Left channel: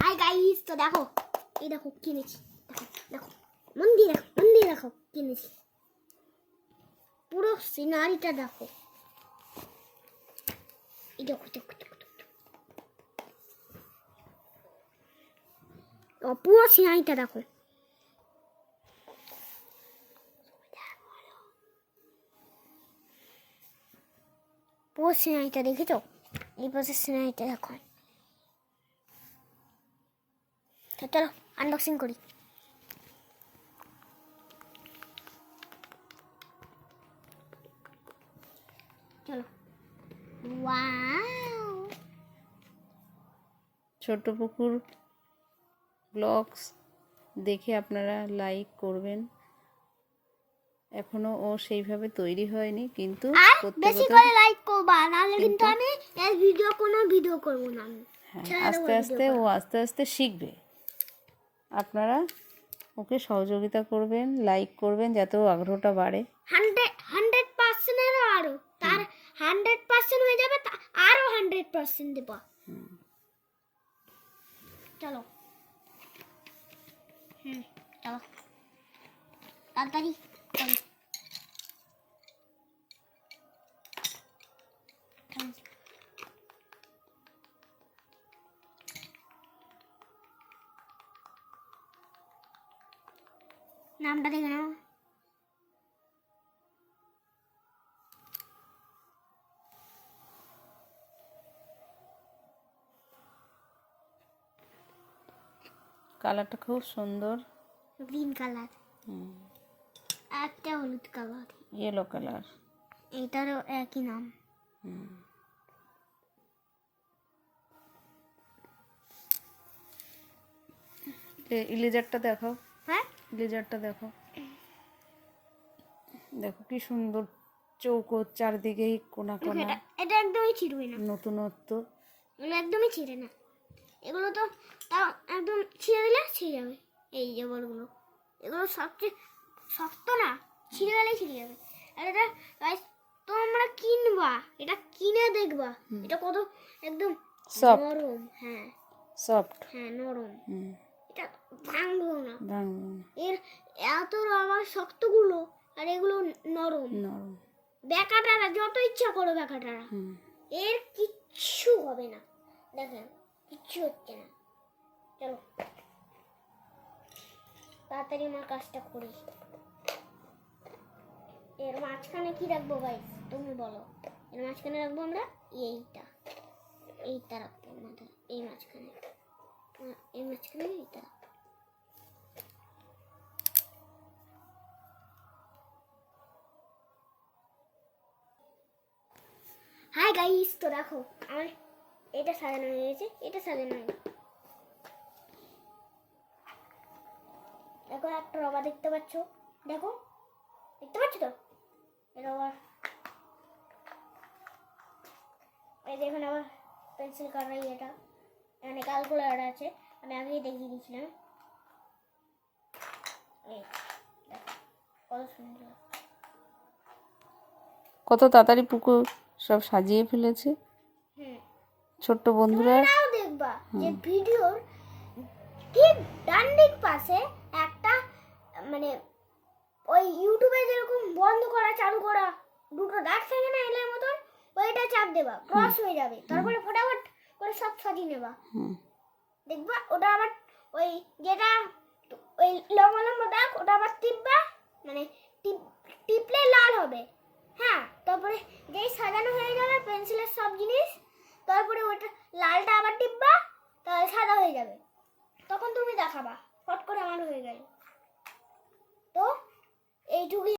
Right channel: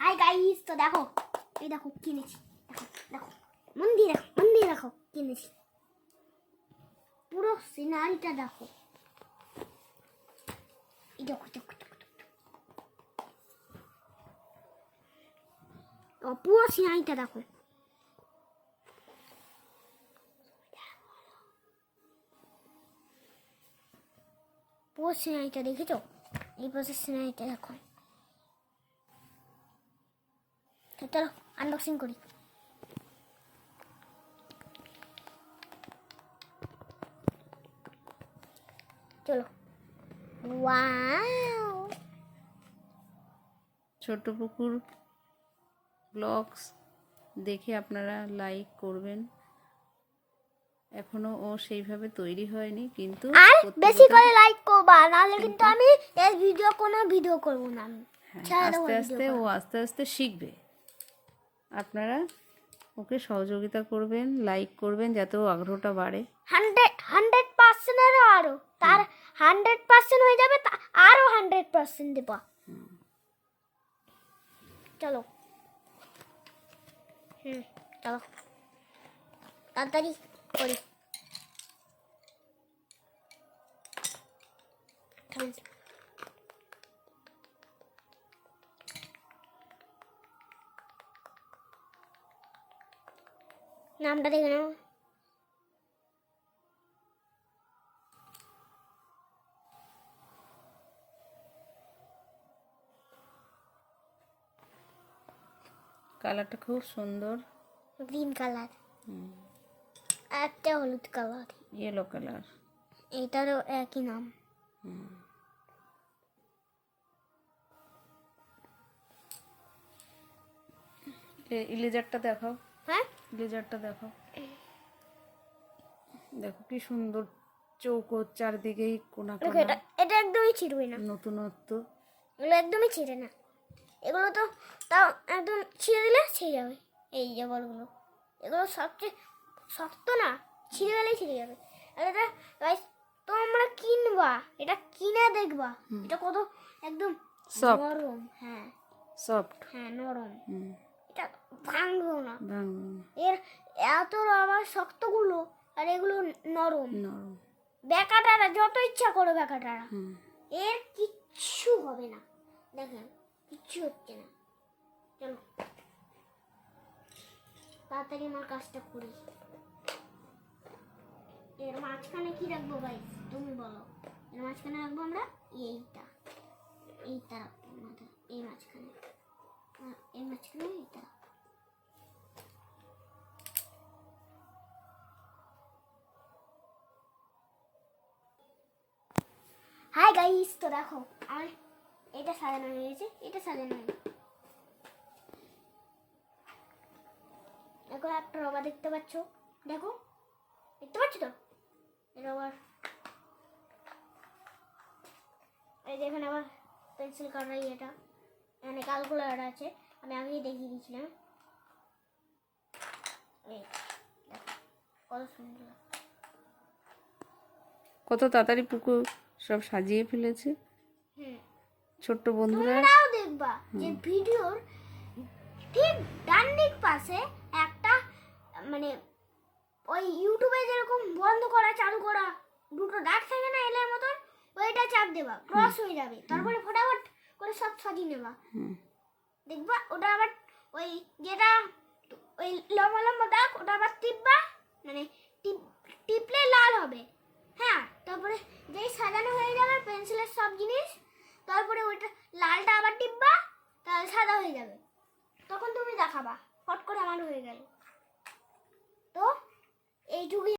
Hi guys, তো দেখো এই দেখো কিনেছি, দেখো মন দিয়ে দেখো কিনেছি, পুরো সিনারিটা দেখো, এই দেখো পুরো সিনারিটা দেখো। পুরো সিনারিটা দেখেছো? এই পাশে সিনারিটা দেখো। তো চলো আনবক্সিং করি। চলো। ওয়াও, ছোট্ট পুকুর ব্লগস দেখে আপনারা লাইক করবেন। এখনো ও সেইভাবে তৈরি হয়নি, কিন্তু বেশি করে লাইক করবা, নাহলে কিন্তু আমি এই কোনো ভিডিও করব না। আমি আস্তে আস্তে শিখবে। আপনারা ওকে সহযোগিতা করবেন, লাইক করবেন, যাতে ও আগ্রহটা বাড়ে। 100% আরো তার 100% হয়ে যাবে, আরো 100% দেব। চলো চলো তাড়াতাড়ি করি। নামটা দেখে নাও। কালারটা খুব সুন্দর, গ্রিন কালার, একটা হলুদ কালার, ইয়েলো কালার, এটারও একই নাম। ইলেজারটা দেখো। হ্যাঁ, ইলেজারটা দেখো, দেখো কি সুন্দর চৌকো, চারদিকেই কোনা কোনা। এটা একদমই ছিঁড়বে না, নতুনত্ব। এগুলো একদমই ছিঁড়ে না, এগুলো তো তাও একদম ছিঁড়ে দিলে ছিঁড়ে যাবে। এই যে বলগুলো, এগুলো সবচেয়ে শক্ত না, ছিঁড়ে গেলেই ছিঁড়ে যাবে। আর এটা গাইস তোমরা কিনবা, এটা কিনে দেখবা এটা কত একদম নরম। হ্যাঁ সফট, হ্যাঁ নরম, এটা ভাঙবো না। ভাঙবে এর এত আবার শক্তগুলো, আর এগুলো নরম। নরম। বেকাটারা যত ইচ্ছা করো বেকাটারা, এর কিচ্ছু হবে না। দেখেন কিচ্ছু হচ্ছে না। চলো তাড়াতাড়ি আমার কাজটা করি। এর মাঝখানে কি রাখবো গাইস তুমি বলো? এর মাঝখানে রাখবো আমরা এইটা রাখবো আমাদের, এই মাঝখানে এইটা। হাই গাইস, তো দেখো আমার এটা সাজানো হয়ে গেছে, এটা সাজানো হয়ে গেছে। দেখো একটা রবার দেখতে পাচ্ছ, দেখো দেখতে পাচ্ছ তো রবার। এই দেখুন আবার পেন্সিল কাটার এটা, মানে ক্যালকুলেটর আছে, আমি আগেই দেখিয়ে দিয়েছিলাম। এই কত সুন্দর, কত তাড়াতাড়ি পুকুর সব সাজিয়ে ফেলেছে ছোট্ট বন্ধুরা। তাও দেখবা যে ভিডিওর ঠিক ডান দিক পাশে একটা, মানে ওই ইউটিউবে যেরকম বন্ধ করা চালু করা দুটো দাগ থাকে না এলের মতন, ওইটা চাপ দেবা, ক্রস হয়ে যাবে। তারপরে ফটাফট করে সব সাজিয়ে নেবা, দেখবা ওটা আবার ওই যেটা ওই লম্বা লম্বা দাগ ওটা আবার টিপবা, মানে টিপলে লাল হবে। হ্যাঁ, তারপরে যেই সাজানো হয়ে যাবে পেন্সিলের সব জিনিস, তারপরে ওইটা লালটা আবার টিপবা, তাহলে সাদা হয়ে যাবে। তখন তুমি দেখাবা ফট করে আমার হয়ে গেল। তো এইটুকুই।